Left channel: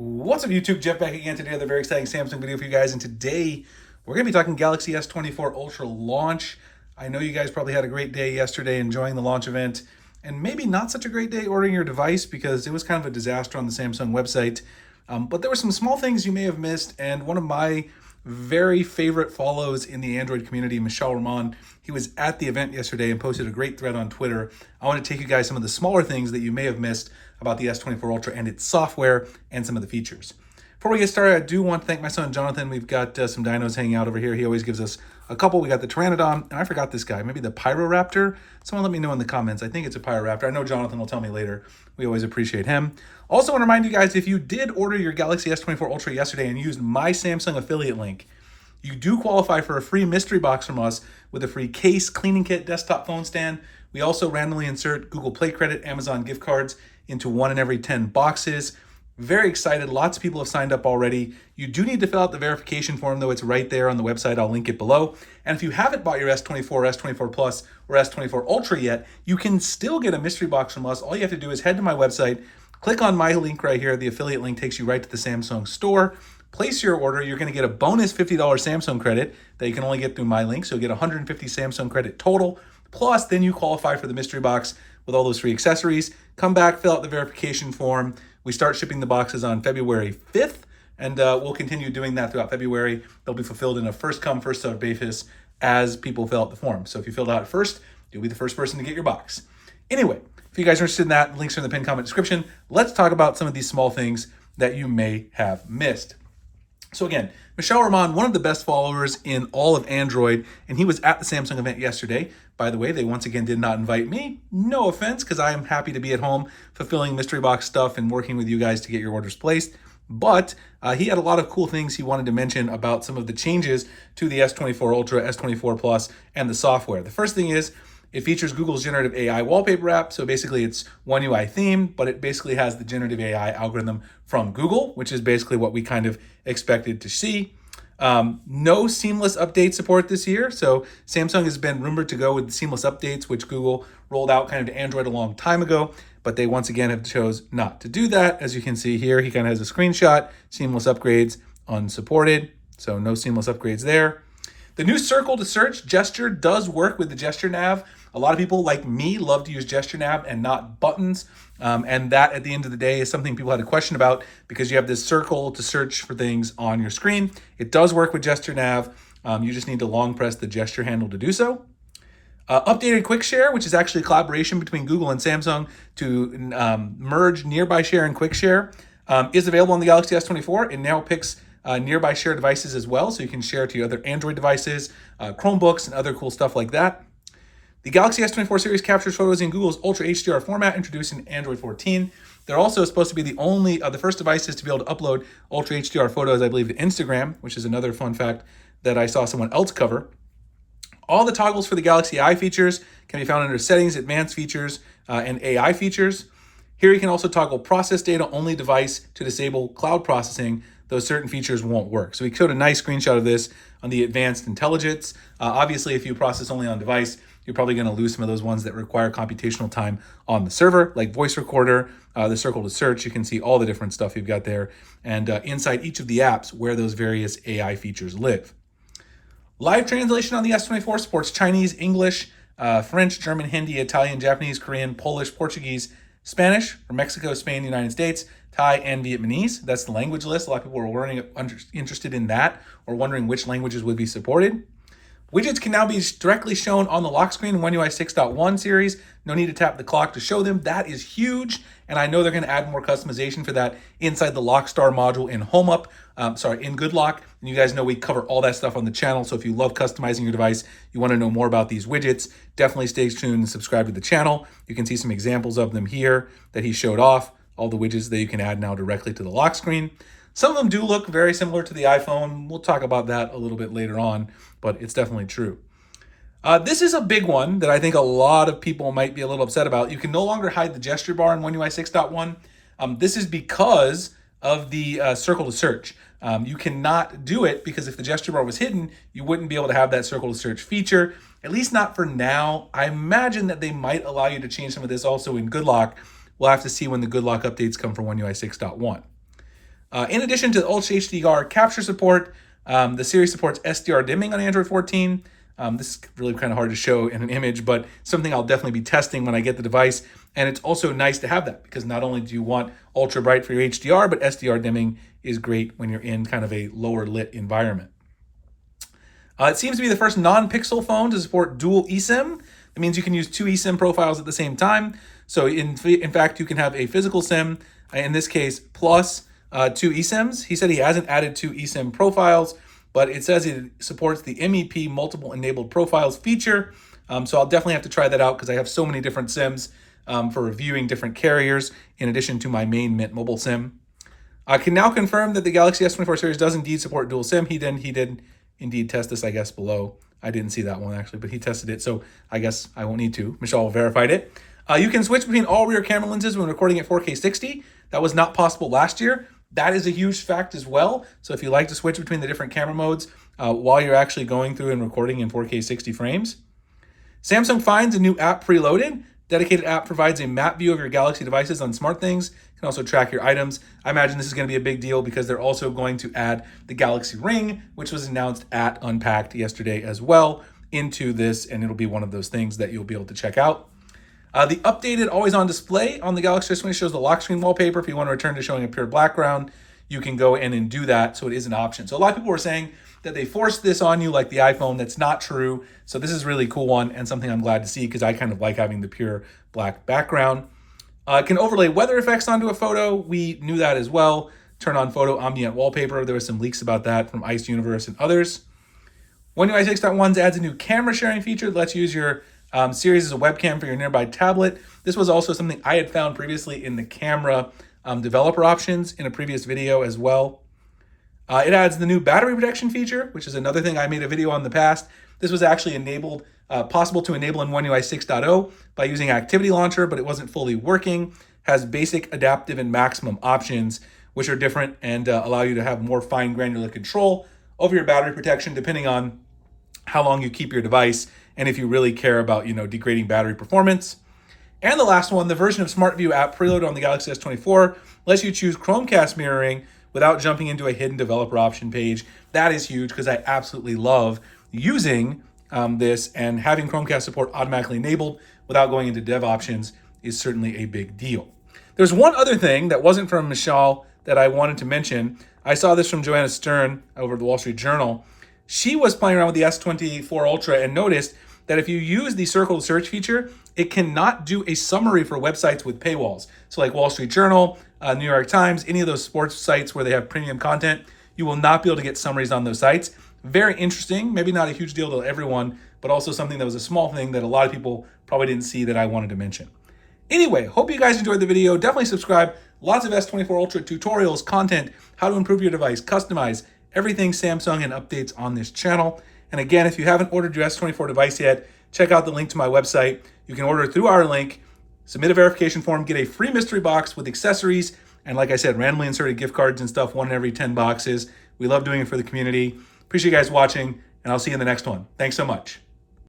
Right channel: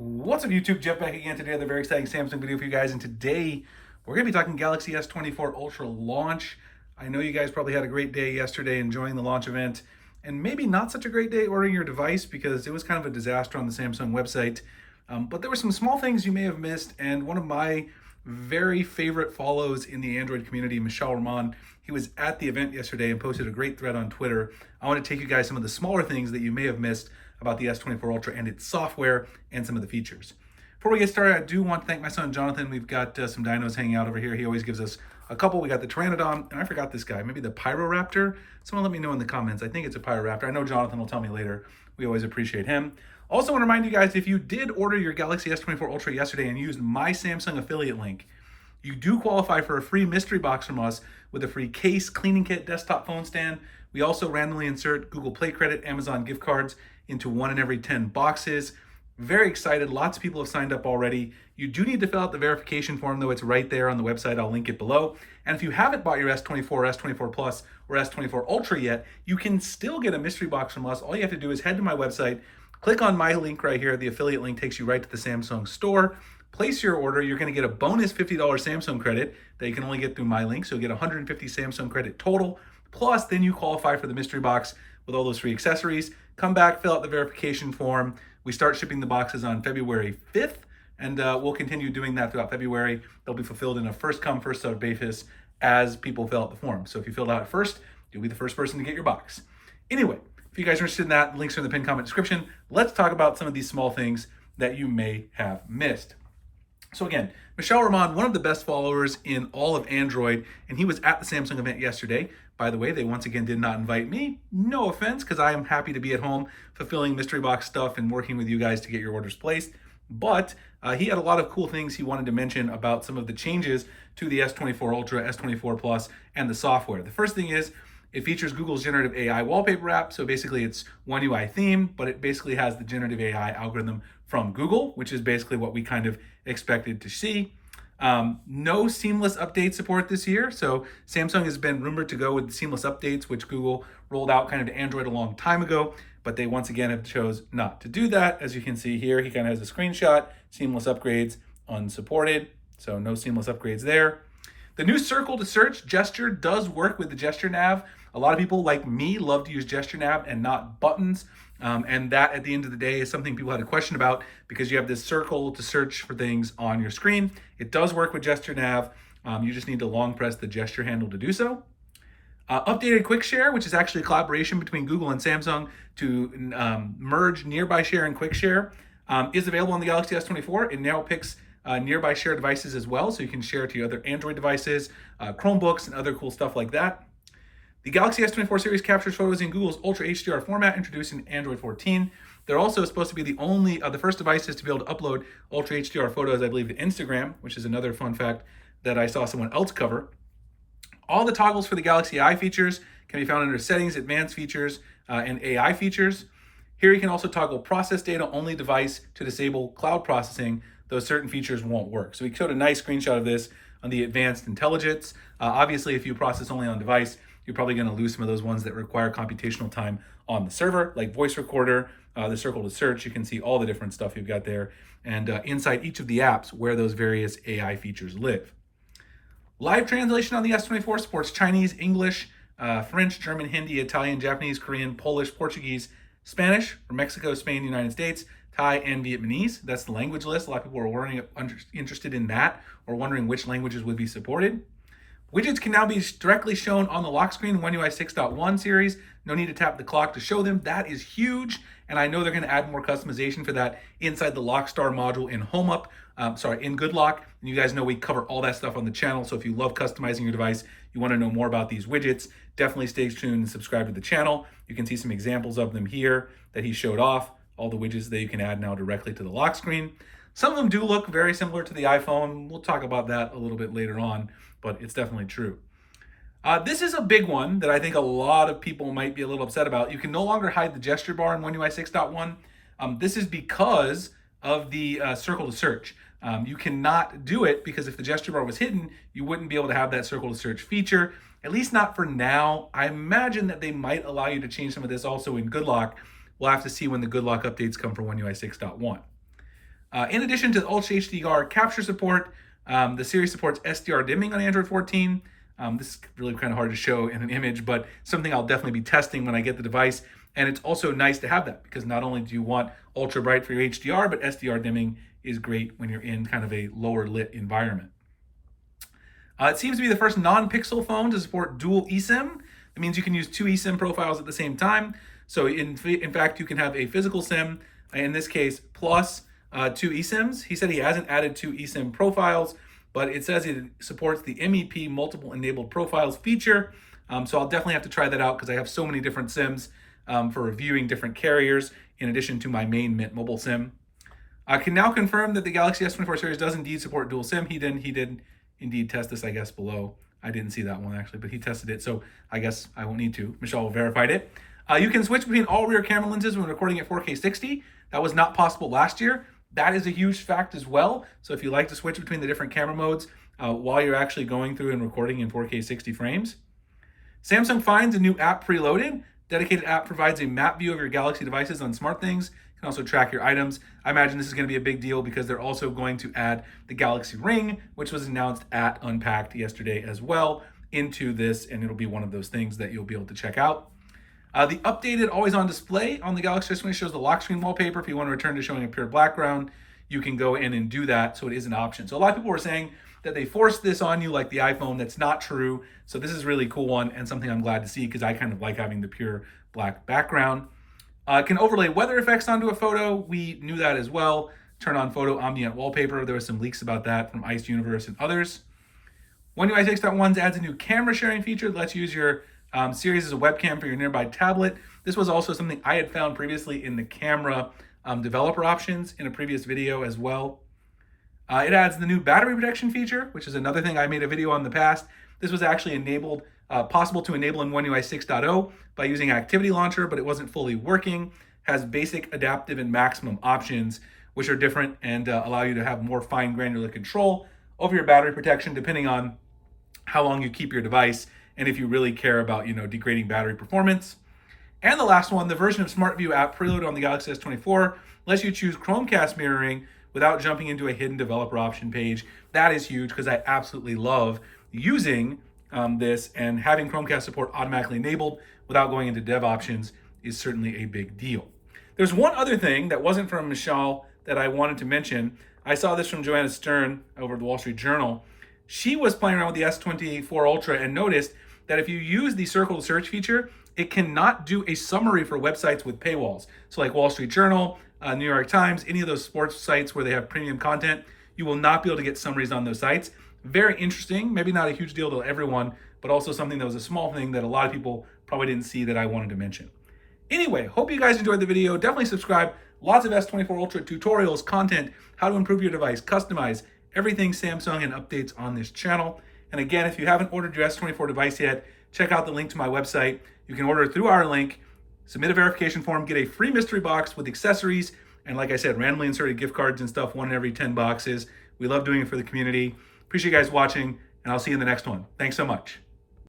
What's up YouTube? Jeff back again today with a very exciting Samsung video for you guys, and today we're going to be talking Galaxy S24 Ultra launch. I know you guys probably had a great day yesterday enjoying the launch event, and maybe not such a great day ordering your device because it was kind of a disaster on the Samsung website. But there were some small things you may have missed, and one of my very favorite follows in the Android community, Michel Rahman, he was at the event yesterday and posted a great thread on Twitter. I want to take you guys some of the smaller things that you may have missed about the S24 Ultra and its software and some of the features. Before we get started, I do want to thank my son Jonathan. We've got some dinos hanging out over here. He always gives us a couple. We got the Pteranodon, and I forgot this guy, maybe the Pyroraptor. Someone let me know in the comments. I think it's a Pyroraptor. I know Jonathan will tell me later. We always appreciate him. Also want to remind you guys, if you did order your Galaxy S24 Ultra yesterday and used my Samsung affiliate link, you do qualify for a free mystery box from us with a free case, cleaning kit, desktop phone stand. We also randomly insert Google Play credit, Amazon gift cards into 1 in every 10 boxes. Very excited. Lots of people have signed up already. You do need to fill out the verification form, though. It's right there on the website. I'll link it below. And if you haven't bought your S24, S24 Plus, or S24 Ultra yet, you can still get a mystery box from us. All you have to do is head to my website, click on my link right here. The affiliate link takes you right to the Samsung store. Place your order. You're going to get a bonus $50 Samsung credit that you can only get through my link. So you get 150 Samsung credit total. Plus, then you qualify for the mystery box with all those free accessories. Come back, fill out the verification form. We start shipping the boxes on February 5th, and we'll continue doing that throughout February. They'll be fulfilled in a first come, first served basis as people fill out the form. So if you filled out first, you'll be the first person to get your box. Anyway, if you guys are interested in that, links are in the pinned comment description. Let's talk about some of these small things that you may have missed. So again, Michel Rahman, one of the best followers in all of Android, and he was at the Samsung event yesterday. By the way, they once again did not invite me. No offense, because I am happy to be at home fulfilling mystery box stuff and working with you guys to get your orders placed. But he had a lot of cool things he wanted to mention about some of the changes to the S24 Ultra, S24 Plus, and the software. The first thing is, it features Google's generative AI wallpaper app. So basically it's One UI theme, but it basically has the generative AI algorithm from Google, which is basically what we kind of expected to see. No seamless update support this year. So Samsung has been rumored to go with seamless updates, which Google rolled out kind of to Android a long time ago, but they once again have chose not to do that. As you can see here, he kind of has a screenshot, seamless upgrades unsupported. So no seamless upgrades there. The new circle to search gesture does work with the gesture nav. A lot of people like me love to use gesture nav and not buttons. And that at the end of the day is something people had a question about because you have this circle to search for things on your screen. It does work with gesture nav. You just need to long press the gesture handle to do so. Updated Quick Share, which is actually a collaboration between Google and Samsung to merge Nearby Share and Quick Share, is available on the Galaxy S24. It now picks Nearby Share devices as well, so you can share to your other Android devices, Chromebooks, and other cool stuff like that. The Galaxy S24 series captures photos in Google's Ultra HDR format, introduced in Android 14. They're also supposed to be the first devices to be able to upload Ultra HDR photos, I believe, to Instagram, which is another fun fact that I saw someone else cover. All the toggles for the Galaxy Eye features can be found under Settings, Advanced Features, and AI features. Here you can also toggle Process Data Only Device to disable cloud processing. Those certain features won't work. So we showed a nice screenshot of this on the Advanced Intelligence. Obviously, if you process only on device, you're probably going to lose some of those ones that require computational time on the server, like voice recorder, the circle to search. You can see all the different stuff you've got there, and inside each of the apps where those various AI features live. Live translation on the S24 supports Chinese, English, French, German, Hindi, Italian, Japanese, Korean, Polish, Portuguese, Spanish from Mexico, Spain, the United States, Thai, and Vietnamese. That's the language list. A lot of people are interested in that or wondering which languages would be supported. Widgets can now be directly shown on the lock screen in One UI 6.1 series. No need to tap the clock to show them. That is huge, and I know they're going to add more customization for that inside the Lockstar module in in Good Lock. And you guys know we cover all that stuff on the channel, so if you love customizing your device, you want to know more about these widgets, definitely stay tuned and subscribe to the channel. You can see some examples of them here that he showed off, all the widgets that you can add now directly to the lock screen. Some of them do look very similar to the iPhone. We'll talk about that a little bit later on, but it's definitely true. This is a big one that I think a lot of people might be a little upset about. You can no longer hide the gesture bar in One UI 6.1. This is because of the circle to search. You cannot do it because if the gesture bar was hidden, you wouldn't be able to have that circle to search feature, at least not for now. I imagine that they might allow you to change some of this also in Good Lock. We'll have to see when the Good Lock updates come for One UI 6.1. In addition to the Ultra HDR capture support, the series supports SDR dimming on Android 14. This is really kind of hard to show in an image, but something I'll definitely be testing when I get the device. And it's also nice to have that because not only do you want ultra bright for your HDR, but SDR dimming is great when you're in kind of a lower lit environment. It seems to be the first non-Pixel phone to support dual eSIM. That means you can use two eSIM profiles at the same time. So in fact, you can have a physical SIM, in this case, plus two eSIMs. He said he hasn't added two eSIM profiles, but it says it supports the MEP multiple enabled profiles feature. So I'll definitely have to try that out because I have so many different SIMs for reviewing different carriers in addition to my main Mint Mobile SIM. I can now confirm that the Galaxy S24 series does indeed support dual SIM. He did indeed test this, I guess, below. I didn't see that one actually, but he tested it, so I guess I won't need to. Michelle verified it. You can switch between all rear camera lenses when recording at 4K 60. That was not possible last year. That is a huge fact as well. So if you like to switch between the different camera modes while you're actually going through and recording in 4K 60 frames. Samsung finds a new app preloaded. Dedicated app provides a map view of your Galaxy devices on SmartThings. You can also track your items. I imagine this is going to be a big deal because they're also going to add the Galaxy Ring, which was announced at Unpacked yesterday as well, into this, and it'll be one of those things that you'll be able to check out. The updated always-on display on the Galaxy S20 shows the lock screen wallpaper. If you want to return to showing a pure background, you can go in and do that, so it is an option. So a lot of people were saying that they forced this on you like the iPhone. That's not true. So this is a really cool one and something I'm glad to see because I kind of like having the pure black background. It can overlay weather effects onto a photo. We knew that as well. Turn on photo ambient wallpaper. There was some leaks about that from Ice Universe and others. One UI 6.1 adds a new camera sharing feature that lets you use your series as a webcam for your nearby tablet. This was also something I had found previously in the camera developer options in a previous video as well. It adds the new battery protection feature, which is another thing I made a video on in the past. This was actually enabled, possible to enable in One UI 6.0 by using Activity Launcher, but it wasn't fully working. Has basic, adaptive, and maximum options, which are different and allow you to have more fine granular control over your battery protection depending on how long you keep your device and if you really care about, degrading battery performance. And the last one, the version of SmartView app preloaded on the Galaxy S24 lets you choose Chromecast mirroring without jumping into a hidden developer option page. That is huge because I absolutely love using this, and having Chromecast support automatically enabled without going into dev options is certainly a big deal. There's one other thing that wasn't from Michelle that I wanted to mention. I saw this from Joanna Stern over at the Wall Street Journal. She was playing around with the S24 Ultra and noticed that if you use the circle search feature, it cannot do a summary for websites with paywalls. So like Wall Street Journal, New York Times, any of those sports sites where they have premium content, you will not be able to get summaries on those sites. Very interesting, maybe not a huge deal to everyone, but also something that was a small thing that a lot of people probably didn't see that I wanted to mention. Anyway, hope you guys enjoyed the video. Definitely subscribe. Lots of S24 Ultra tutorials, content, how to improve your device, customize, everything Samsung, and updates on this channel. And again, if you haven't ordered your S24 device yet, check out the link to my website. You can order it through our link, submit a verification form, get a free mystery box with accessories, and like I said, randomly inserted gift cards and stuff, one in every 10 boxes. We love doing it for the community. Appreciate you guys watching, and I'll see you in the next one. Thanks so much.